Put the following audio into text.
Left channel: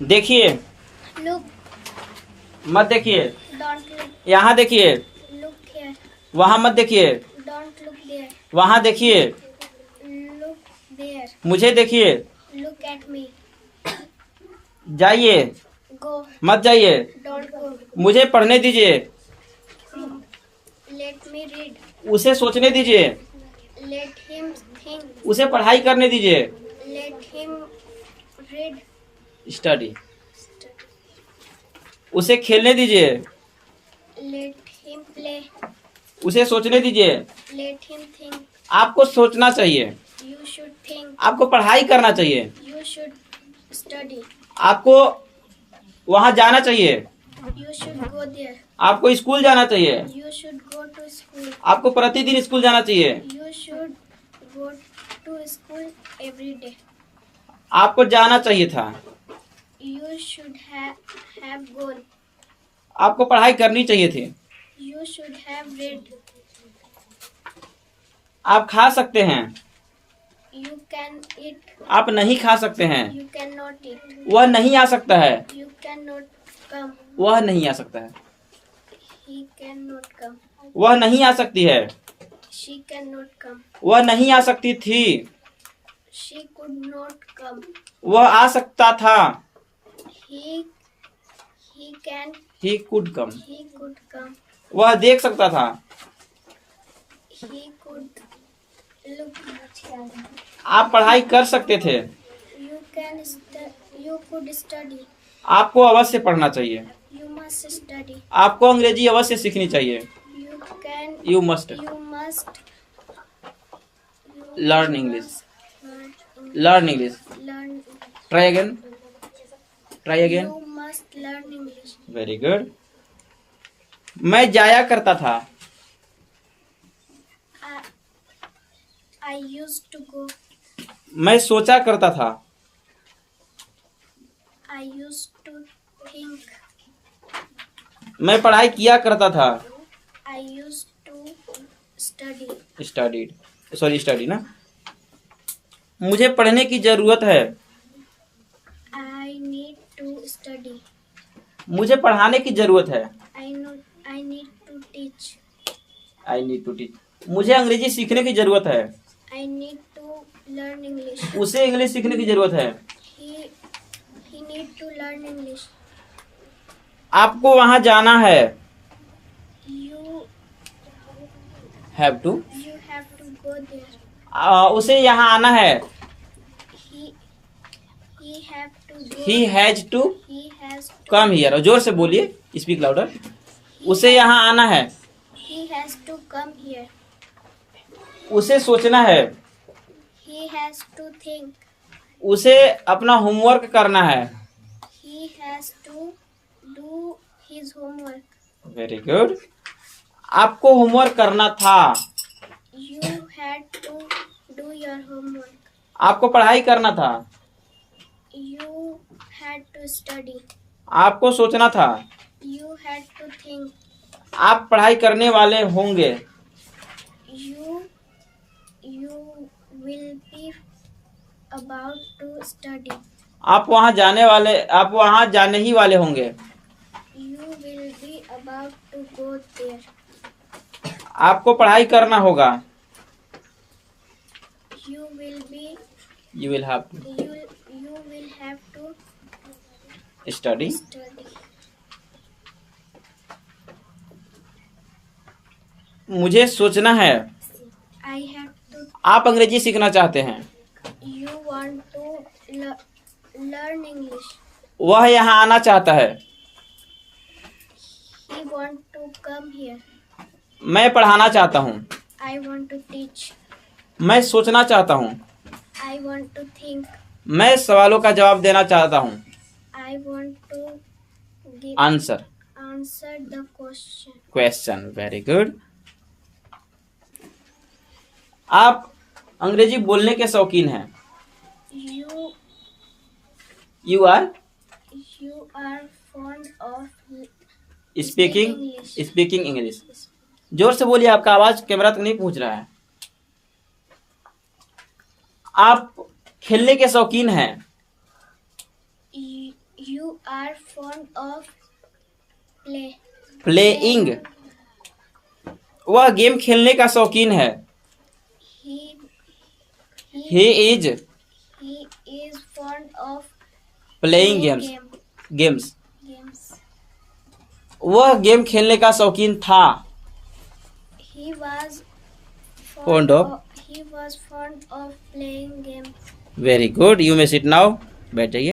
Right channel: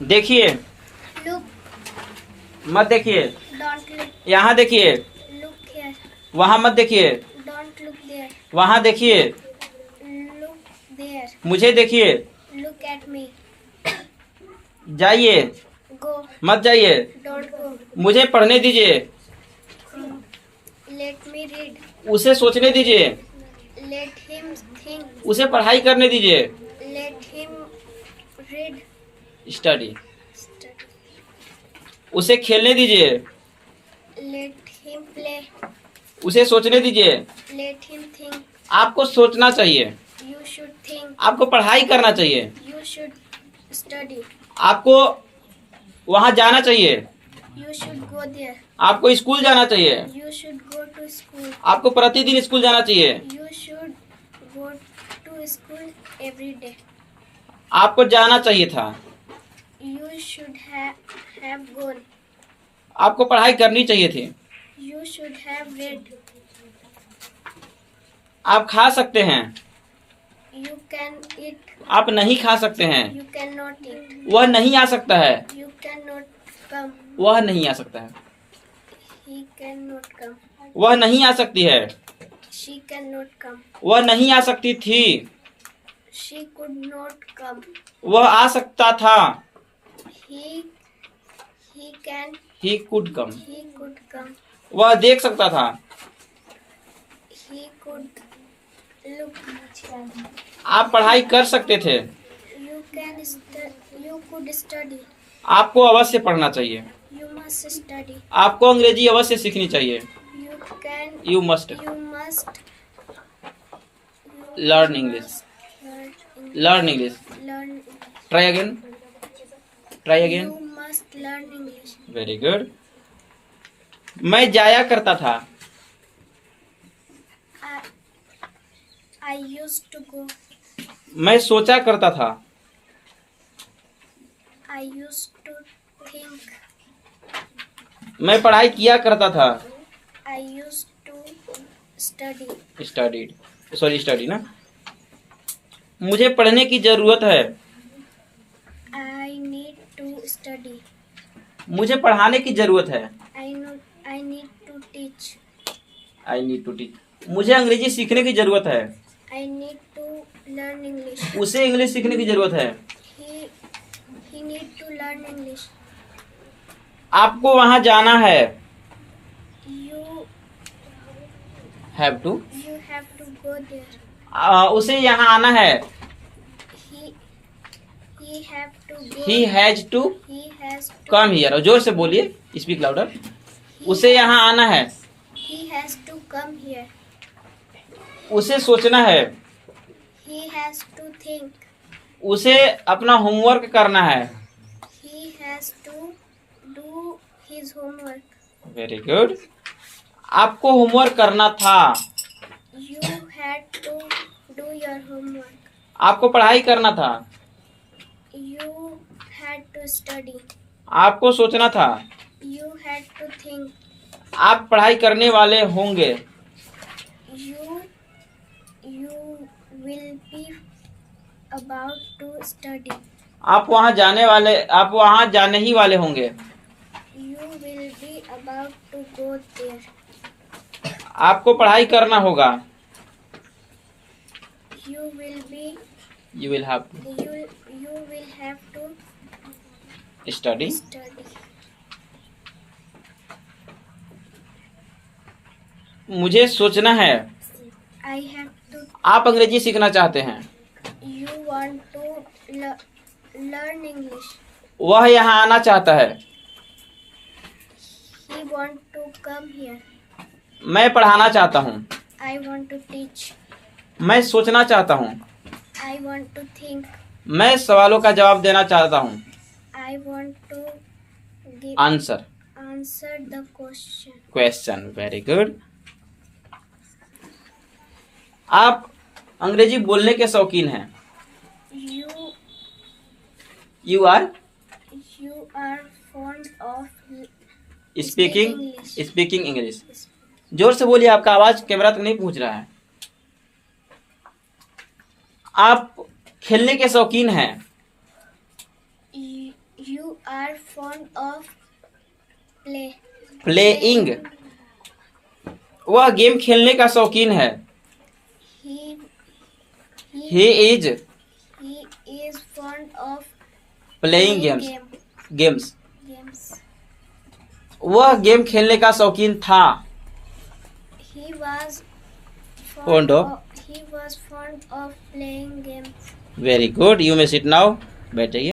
देखिए, Look. मत देखिए। Don't look. यहाँ देखिए, Look here. वहाँ मत देखिए। Don't look there. वहाँ देखिए, Look there. मुझे देखिए। Look at me. जाइए, Go. मत जाइए। Don't go. मुझे पढ़ने दीजिए। Let me read. उसे सोचने दीजिए। Let him think. उसे पढ़ाई करने दीजिए। Let him read. Study. Study. उसे खेलने दीजिए। Let him play. उसे सोचने दीजिए। Let him think. आपको सोचना चाहिए। You should think. आपको पढ़ाई करना चाहिए। You should study. आपको वहाँ जाना चाहिए। You should go there. आपको स्कूल जाना चाहिए। You should go to school. आपको प्रतिदिन स्कूल जाना चाहिए। You should go to school every day. आपको जाना चाहिए था। You should have gone. आपको पढ़ाई करनी चाहिए थी। You should have read. आप खा सकते हैं। You can eat. आप नहीं खा सकते हैं। You cannot eat. वह नहीं आ सकता है। You cannot come. वह नहीं आ सकता है। He cannot come. वह नहीं आ सकती है। She cannot come. वह नहीं आ सकती थी। She could not come. वह आ सकता था। He can. He could come. He could come. वह देख सकता था। He could look. आप पढ़ाई कर सकते थे। You could study. आपको अवश्य पढ़ना चाहिए। You must study. आपको अंग्रेजी अवश्य सीखनी चाहिए। You can. You must You must. Learn English. Learn English. Learn. Try again. Try again. You must learn English. Very good. मैं जाया करता था। I used to go. मैं सोचा करता था। I used to think. मैं पढ़ाई किया करता था। I used to study. Studied, sorry study ना। मुझे पढ़ने की जरूरत है। I need to study. मुझे पढ़ाने की जरूरत है। I need to teach. I need to teach. मुझे अंग्रेजी सीखने की जरूरत है। I need to learn English. उसे इंग्लिश सीखने की जरूरत है। He need to learn English. आपको वहां जाना है। You have to. have to go there. उसे यहाँ आना है। He have to go. He has to He has to. Come here. जोर से बोलिए, स्पीक लाउडर। उसे यहाँ आना है। He has to come here. उसे सोचना है। He has to think. उसे अपना होमवर्क करना है। He has to do his homework. Very good. आपको होमवर्क करना था। You had to do your homework. आपको पढ़ाई करना था। You had to study. आपको सोचना था। You had to think. आप पढ़ाई करने वाले होंगे। You will be about to study. आप वहाँ जाने ही वाले होंगे। You will be about to go there. आपको पढ़ाई करना होगा। You will have to study. study. मुझे सोचना है। I have to. आप अंग्रेजी सीखना चाहते हैं। You want to learn English. वह यहाँ आना चाहता है। He want to come here. मैं पढ़ाना चाहता हूँ। I want to teach. मैं सोचना चाहता हूँ। I want to think. मैं सवालों का जवाब देना चाहता हूँ। I want to answer answer the question. Question. Very good. आप अंग्रेजी बोलने के शौकीन हैं। You you are fond of speaking English. English. जोर से बोलिए, आपका आवाज कैमरा तक नहीं पहुंच रहा है। आप खेलने के शौकीन हैं। You You are fond of playing, वह गेम खेलने का शौकीन है। He he is he is fond of playing playing games. games. वह गेम खेलने का शौकीन था। He was Fond of? he was fond of playing games. Very good, you may sit now, बैठ जाइए।